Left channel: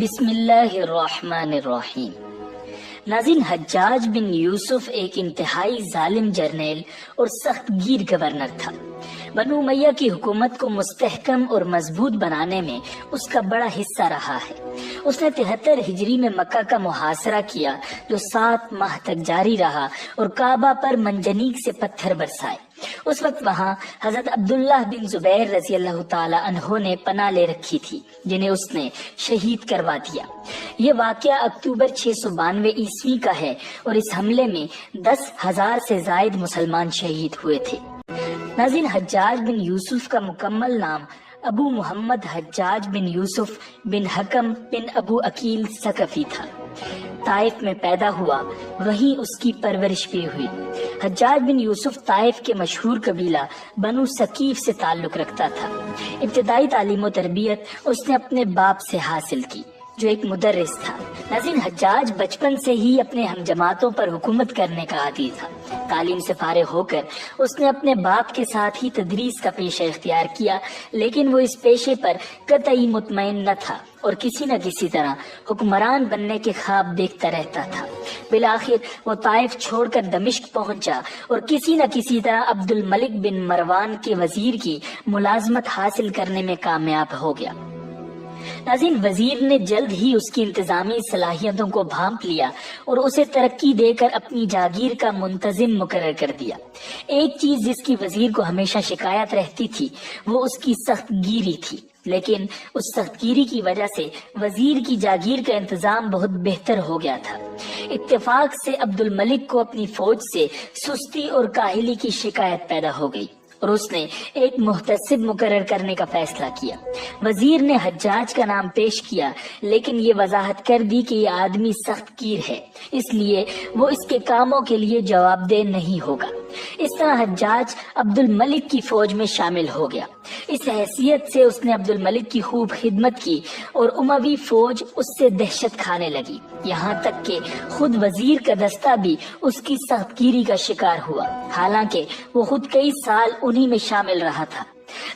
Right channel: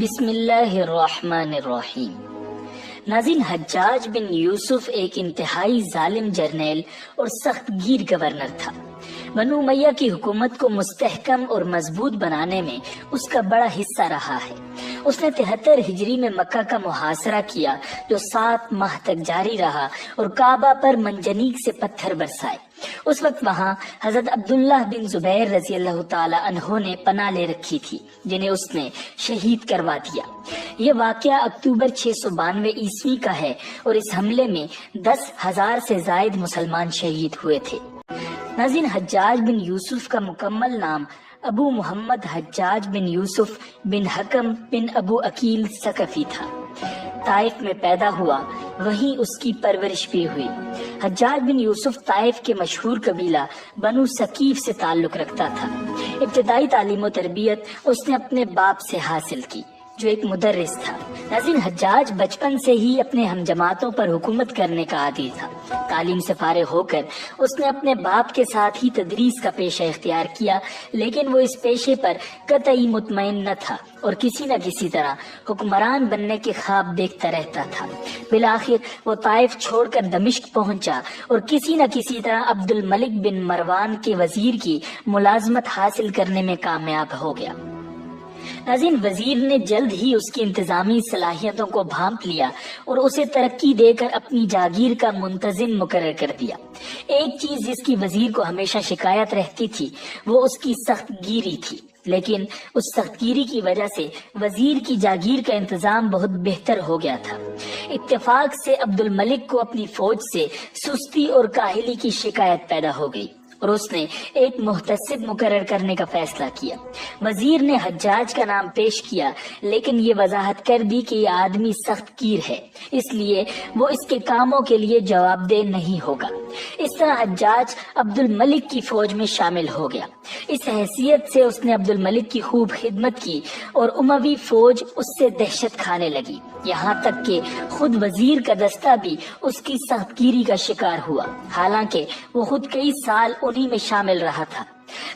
بسم اللہ الرحمن الرحیم۔ ناظرین، حجاج بن یوسف ایک انتہائی ظالم جرنیل اور سخت گیر گورنر تھا۔ بنو امیہ کی حکومت کو مستحکم اور مضبوط بنانے میں اس کا بڑا حصہ رہا ہے۔ اس نے 73 ہجری میں مکہ کا محاصرہ کیا جو 7 ماہ تک جاری رہا اور کعبہ پر منجنیق سے پتھر برسائے۔ اس وقت وہاں حضرت عبداللہ بن زبیر رضی اللہ تعالی عنہ نے پناہ لے رکھی تھی، جنہیں اس نے شہید کروا دیا۔ یہ واقعہ اکتوبر 692 عیسوی کا ہے اور اس حملے میں 10,000 سے زائد مسلمان شہید ہوئے تھے۔ ناظرین، حجاج بن یوسف کا مکمل نام ابو محمد حجاج بن یوسف بن حکم بن ابو عقیل ثقفی تھا۔ طائف میں پیدا ہوا، وہیں اس کی پرورش بھی ہوئی۔ حجاج بن یوسف طائف کے مشہور قبیلہ بنو ثقیف سے تعلق رکھتا تھا۔ ابتدائی تعلیم و تربیت اس نے اپنے باپ سے حاصل کی جو ایک مدرس تھا۔ ناظرین، حجاج بچپن سے ہی اپنے ہم جماعتوں پر حکومت کرنے کا عادی تھا۔ تعلیم سے فارغ ہو کر اس نے اپنے باپ کے ساتھ ہی تدریس کا پیشہ اختیار کیا، لیکن وہ اس پیشے پر قطعی مطمئن نہ تھا اور کسی نہ کسی طرح حکمران بننے کے خواب دیکھتا رہتا تھا۔ بالآخر وہ طائف چھوڑ کر دمشق پہنچا اور کسی نہ کسی طرح عبد الملک بن مروان کے وزیر کی ملازمت حاصل کرنے میں کامیاب ہو گیا۔ ناظرین، وزیر نے جلد ہی اس کی انتظامی صلاحیتوں کو بھانپ لیا اور اسے ترقی دے کر اپنی جاگیر کا منتظم مقرر کر دیا۔ ایک چیز جس کی وزیر کو ہمیشہ شکایت رہتی تھی وہ اس کی سخت گیری تھی، لیکن اس سخت گیری کی وجہ سے وزیر کی جاگیر کا انتظام بہت بہتر ہو گیا تھا۔ اتفاق سے عبد الملک کو اپنی فوج سے سستی اور کاہلی کی شکایت پیدا ہو گئی اور اس نے ایک محتسب مقرر کرنے کا فیصلہ کیا۔ وزیر نے حجاج کا نام پیش کیا، لیکن یہ وضاحت کر دی کہ یہ آدمی سخت گیر ہے، اس لیے وہ اس کے کاموں کے لیے جواب دہ نہیں ہوگا۔ اس طرح حجاج عبد الملک کی فوج میں شامل ہو گیا۔ اس حیثیت سے اس نے عبد الملک کی خوب خدمت کی اور اموی فوج اس سے دہشت کھانے لگی، یہاں تک کہ خود وزیر کا دستہ بھی اس کی سخت گیری کا شکار ہوا، حالانکہ وہ خود کئی سال انہی میں شامل رہا تھا۔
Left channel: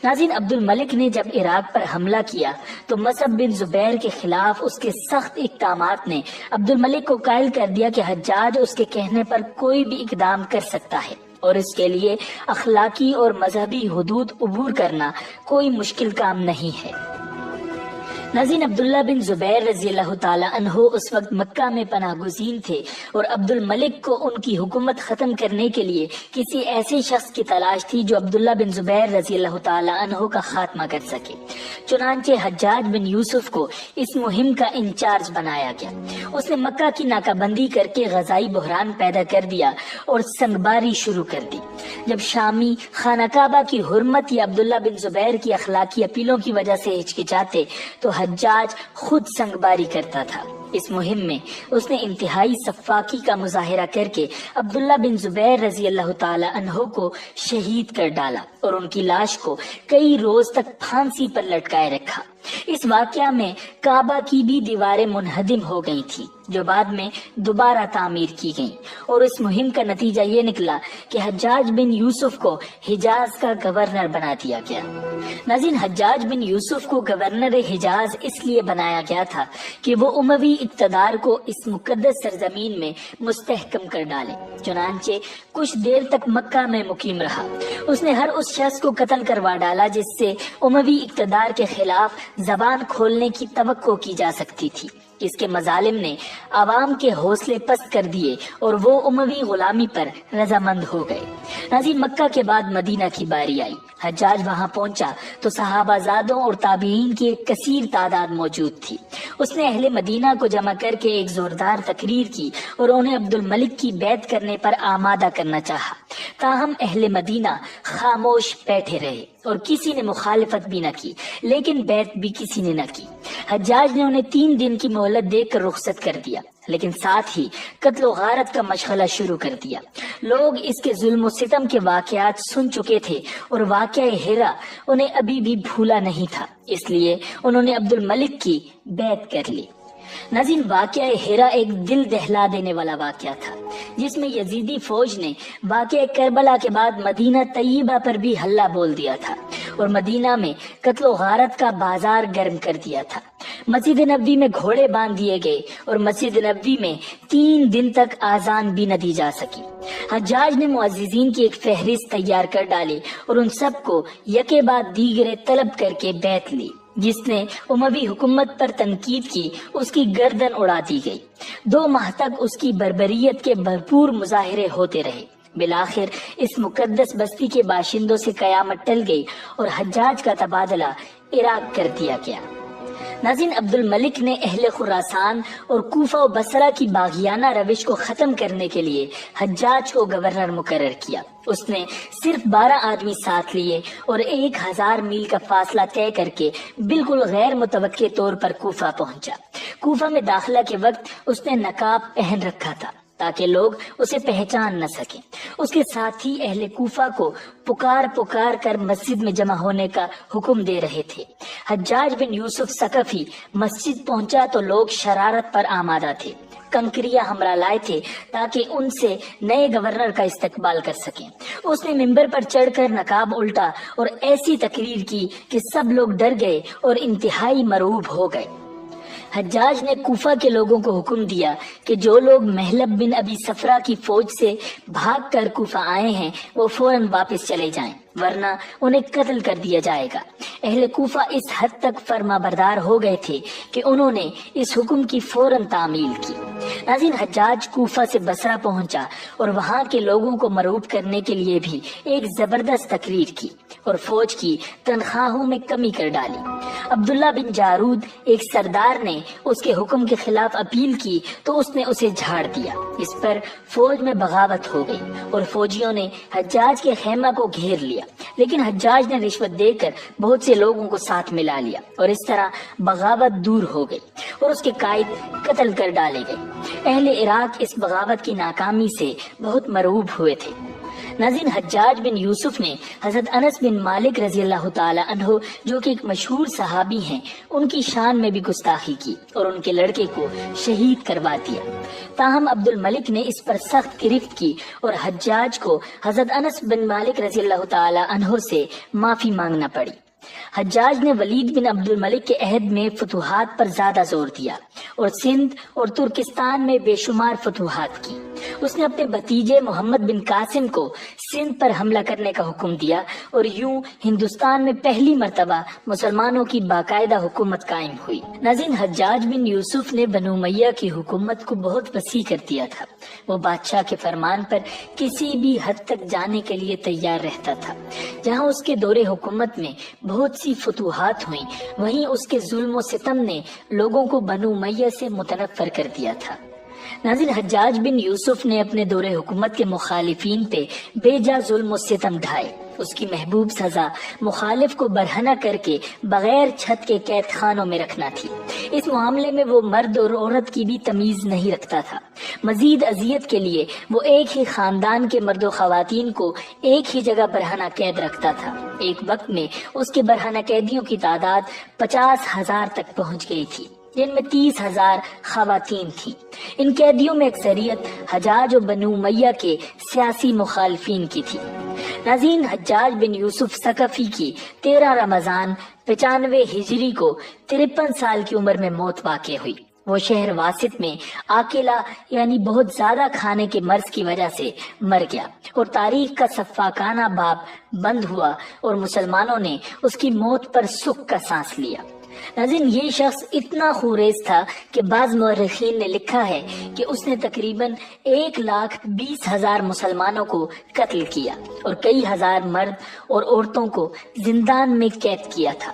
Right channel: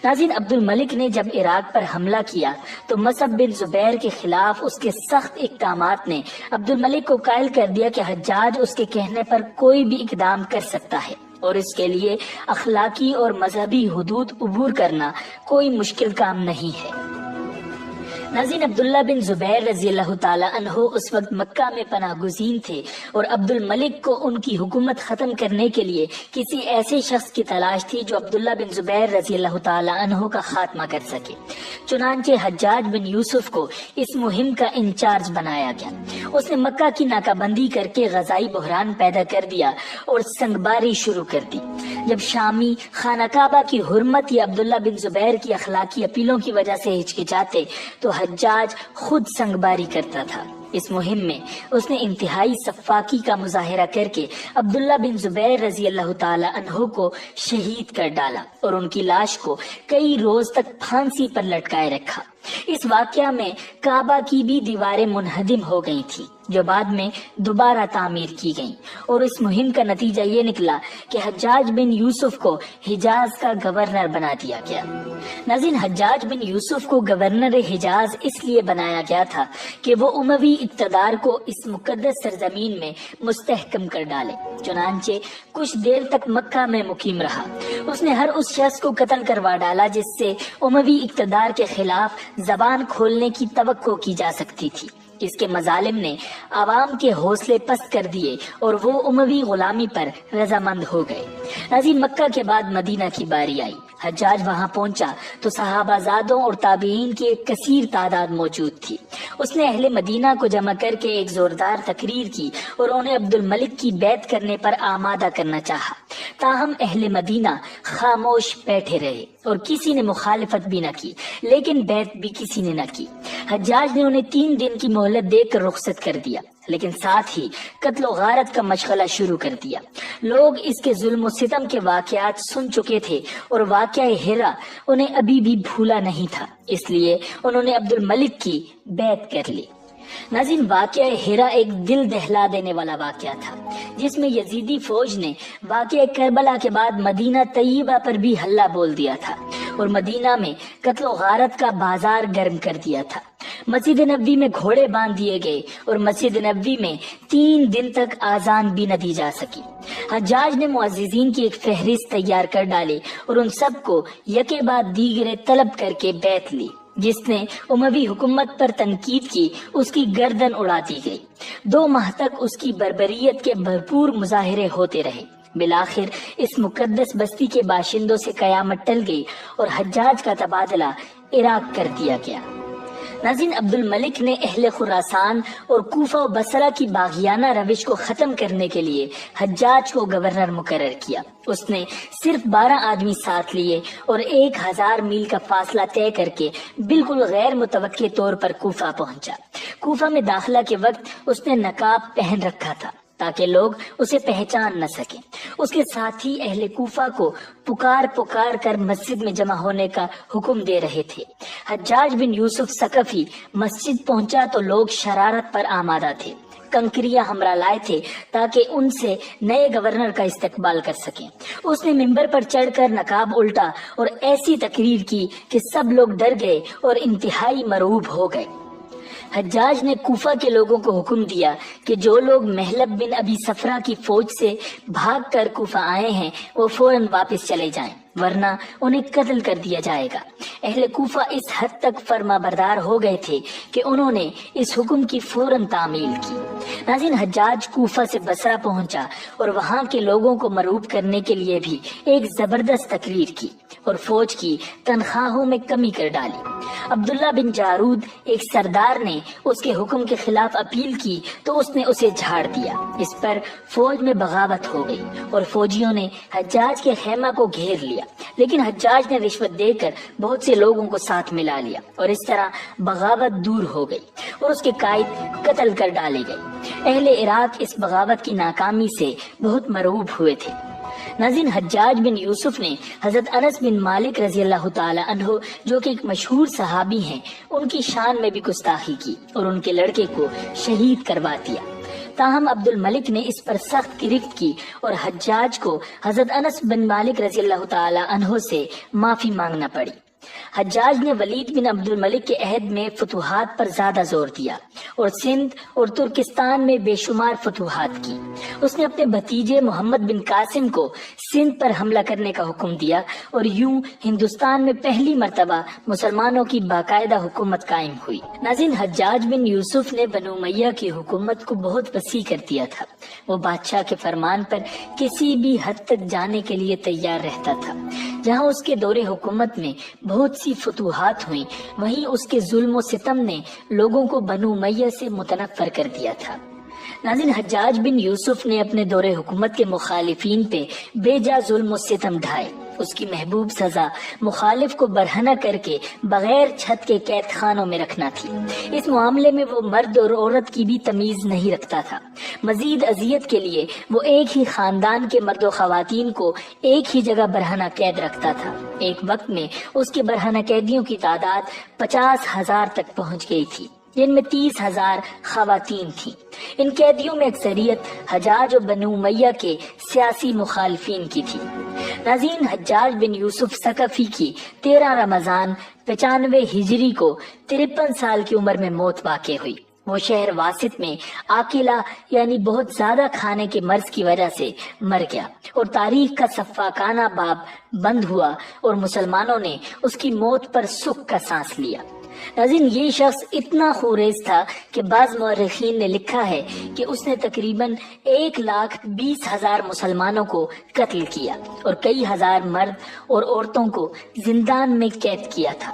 ناظرین، عبد الملک نے جب عراق پر حملہ کیا تو مصعب بن زبیر کے خلاف اس کے سخت اقدامات نے عبد الملک کو قائل کر دیا کہ حجاج اس کے کہنے پر کوئی بھی اقدام کر سکتا ہے اور اس کے لیے اخلاقی اور مذہبی حدود عبور کرنا کوئی مشکل کام نہیں ہے۔ ناظرین، عبداللہ بن زبیر رضی اللہ تعالی عنہ اس وقت مکہ میں پناہ گزین تھے اور عبد الملک کو ان کی حکومت ختم کرنے کے لیے کسی ایسے شخص کی تلاش تھی جو عبداللہ بن زبیر رضی اللہ تعالی عنہ کا خاتمہ کر سکے۔ چنانچہ حجاج بن یوسف کو اس مہم کا انچارج بنایا گیا۔ اس نے مکہ کی ناکہ بندی کر کے غذائی بحران پیدا کر دیا اور سنگباری شروع کر دی۔ جب شامی خانہ کعبہ کی حرمت یا عبداللہ بن زبیر کی اخلاقی اپیلوں کی وجہ سے ہچکچاتے تو حجاج خود سنگباری کرتا تھا۔ اس مہم میں اس نے انتہائی سفاکی کا مظاہرہ کر کے عبداللہ بن زبیر رضی اللہ تعالی عنہ کو شہید کر ڈالا اور ان کی لاش کو کئی روز تک پھانسی پر لٹکائے رکھا۔ اس واقعہ میں کعبہ کی بھی دیواریں منہدم ہو گئی تھی جو بعد میں دوبارہ تعمیر کی گئیں، اور اس مہم کا نتیجہ یہ نکلا کہ حجاج بن یوسف کو حجاز کا گورنر بنا دیا گیا۔ ناظرین، حجاج بن یوسف کو گورنر حجاز اس لیے بنایا گیا تھا کہ وہ اموی اقتدار کو اس مقدس سرزمین میں مستحکم کر ڈالے۔ چنانچہ کچھ دیر تک مکہ میں مقیم رہا۔ اس نے ہر اس شخص کو قتل کروا ڈالا جس سے اموی اقتدار کے خلاف زبان کھولنے کی توقع کی جا سکتی تھی۔ اس کے مظالم نے عوام کے حوصلے پست کر دیے اور وہ اموی غلامی پر رضامند ہو گئے۔ ناظرین، مکہ کے بعد مدینہ کی باری آئی۔ حجاج وہاں پہنچا تو صحابہ زادوں اور تابعین کی ایک کثیر تعداد موجود تھی۔ اس نے اہل مدینہ کو جمع کر کے ایک زوردار تقریر کی اور انہیں عبد الملک کی بیعت کرنے پر آمادہ کرنا چاہا، تاہم اہل مدینہ خاموش بیٹھے رہے اور کسی نے مخالفت بھی نہ کی، لیکن بیعت بھی کسی نے نہ کی۔ حجاج نے انہیں 3 دن کی مہلت دے کر رخصت کر دیا، لیکن ساتھ ہی قتل و غارت کا مشغلہ شروع کر دیا۔ لوگ اس کے ظلم و ستم کے واقعات سن چکے تھے اور واقعہ ہرا انہیں ابھی بھی بھولا نہیں تھا، اس لیے انہوں نے عبد الملک کی بیعت کر لی۔ ناظرین، واقعہ ہرا ایک دل دہلا دینے والا واقعہ تھا جس میں یزیدی فوج نے واقعہ کربلا کے بعد مدینہ طیبہ پر بھی حلہ بول دیا تھا اور مدینہ میں قتل و غارت کا بازار گرم کر دیا تھا۔ مسجد نبوی میں گھوڑے باندھ دیے گئے اور مسجد نبوی میں 3 دن تک آذان بھی نہ دی جا سکی۔ حجاج نے معززین کی ایک فہرست تیار کر ڈالی اور ان سب کو یکے بعد دیگرے طلب کر کے بیعت لی۔ جس نے اموی حکومت پر تنقید کی اس کی گردن اڑا دی گئی۔ 2 ماہ تک اس کی بربریت کے بھرپور مظاہرے ہوتے رہے۔ بالآخر اس مقدس بستی کے باشندوں سے قیامت ٹل گئی اور حجاج کا تبادلہ عراق کر دیا گیا۔ ناظرین، عبد الملک نے اہل خراسان اور کوفہ و بصرہ کی باغیانہ روش کو ختم کرنے کے لیے حجاج کو گورنر مقرر کیا۔ اس نے صرف 12 آدمی ساتھ لیے اور 1000 میل کا فاصلہ طے کر کے بالکل غیر متوقع طور پر کوفہ پہنچا۔ کوفہ میں داخلہ کے وقت اس نے نقاب پہن رکھا تھا تاکہ لوگ اسے پہچان نہ سکیں۔ اس کے ساتھ ہی اہل کوفہ کو پکار کر مسجد میں جمع ہونے کا حکم دے رہے تھے۔ حجاج بن یوسف ثقفی مسجد پہنچا تو لوگ شرارت پر آمادہ تھے، کنکریاں ہمراہ لائے تھے تاکہ ان سے نئے گورنر کا استقبال کر سکیں۔ اس نے ممبر پر چڑھ کر نقاب الٹا اور ایسی تقریر کی کہ سب لوگ ڈر گئے اور انتہائی مرعوب ہو گئے۔ حجاج نے کوفہ کے لوگوں کو حکم دیا کہ جو لوگ محلب بن ابی صفرا کی فوج سے بھاگ کر کوفہ آئے ہیں وہ فوراً واپس چلے جائیں، ورنہ انہیں قتل کر دیا جائے گا۔ اہل کوفہ اس حد تک فرما بردار ہو گئے تھے کہ انہوں نے اس حکم کی فوراً تعمیل کی۔ ناظرین، حجاج کوفہ سے بصرہ پہنچا اور وہاں کے لوگوں کو مرعوب کرنے کے لیے بھی ایک زبردست تقریر کی اور فوج کی تنخواہوں میں کمی کر ڈالی۔ عبداللہ بن جارود ایک سردار نے اس کے حکم کے خلاف اپیل کی تو اس نے اسے جھاڑ دیا۔ اس پر فوج میں بغاوت ہو گئی اور فوجیوں نے حجاج کے خیمہ کو گھیر لیا، لیکن حجاج نے رشوت دے کر بہت سے لوگوں کو ساتھ ملا لیا اور اس طرح بغاوت دور ہو گئی اور اس کے قائد قتل کر ڈالے گئے۔ اہل عراق اس بغاوت کی ناکامی سے بہت مرعوب ہوئے تھے۔ ناظرین، حجاج بن یوسف نے حضرت انس بن مالک رضی اللہ تعالی عنہ جو کہ ایک مشہور صحابی ہیں ان کی شان میں بھی گستاخی کی اور ان کے لڑکے کو شہید کروا دیا۔ تاہم عبد الملک نے اس پر سخت گرفت کی اور حجاج کو حضرت انس بن مالک رضی اللہ تعالی عنہ سے معافی مانگنا پڑی۔ حجاج نے ولید بن عبد الملک کے عہد میں فتوحات پر زیادہ زور دیا اور سندھ اور ترکستان میں بے شمار فتوحات کی۔ اس نے اپنے بھتیجے محمد بن قاسم کو سندھ پر حملہ کرنے کا حکم دیا اور یوں ہندوستان میں پہلی مرتبہ مسلمانوں کی باقاعدہ حکومت قائم ہوئی۔ ناظرین، حجاج بن یوسف نے بنو امیہ کی حکومت کو بہت وسیع کر دیا تھا۔ وہ بادشاہ کے فرمان پر کسی بھی حد تک جانے کے لیے تیار رہتا تھا۔ جہاں اس کے دور حکومت میں بہت سی فتوحات ہوئیں، وہیں اس کے ظلم و ستم نے لوگوں کو بنو امیہ سے متنفر کر دیا تھا۔ ناظرین، حجاج بن یوسف نے اپنے دور حکومت کے مخالفین پہ بے جا ظلم و ستم ڈھائے۔ اس کی محبوب سزا مخالف کو برہنہ کر کے بغیر چھت کے قید خانوں میں رکھنا تھی۔ اس معاملے میں وہ مرد اور عورت کی بھی تمیز نہیں رکھتا تھا۔ مزید اذیت کے لیے وہ ایک ہی خاندان کے مرد و خواتین کو ایک ہی جگہ برہنہ قید رکھتا تھا۔ ایک وقت میں اس کے برہنہ قیدیوں کی تعداد 50,000 تک پہنچ گئی تھی، جن میں 30,000 خواتین تھیں۔ ان قیدیوں میں اکثریت حجاج اور بنو امیہ کے سیاسی مخالفین کی تھی۔ ناظرین، حجاج بن یوسف ثقفی کی 13 رمضان 95 ہجری کو 53 سال کی عمر میں موت واقع ہوئی۔ وہ شہر واسط میں آکلہ یعنی بہت زیادہ کھانے کے مرض کی وجہ سے مر گیا اور تاریخ کا سفاکانہ باب بند ہوا اور مسلمانوں نے اس کی موت پر سکھ کا سانس لیا۔ ناظرین، یہ شخص اتنا خوریز تھا کہ بعض مورخین نے لکھا ہے کہ اس نے تقریباً 1,20,000 مسلمانوں کو قتل کیا اور کئی ہزار مرد اور عورتوں کو زندان میں قید کیا تھا۔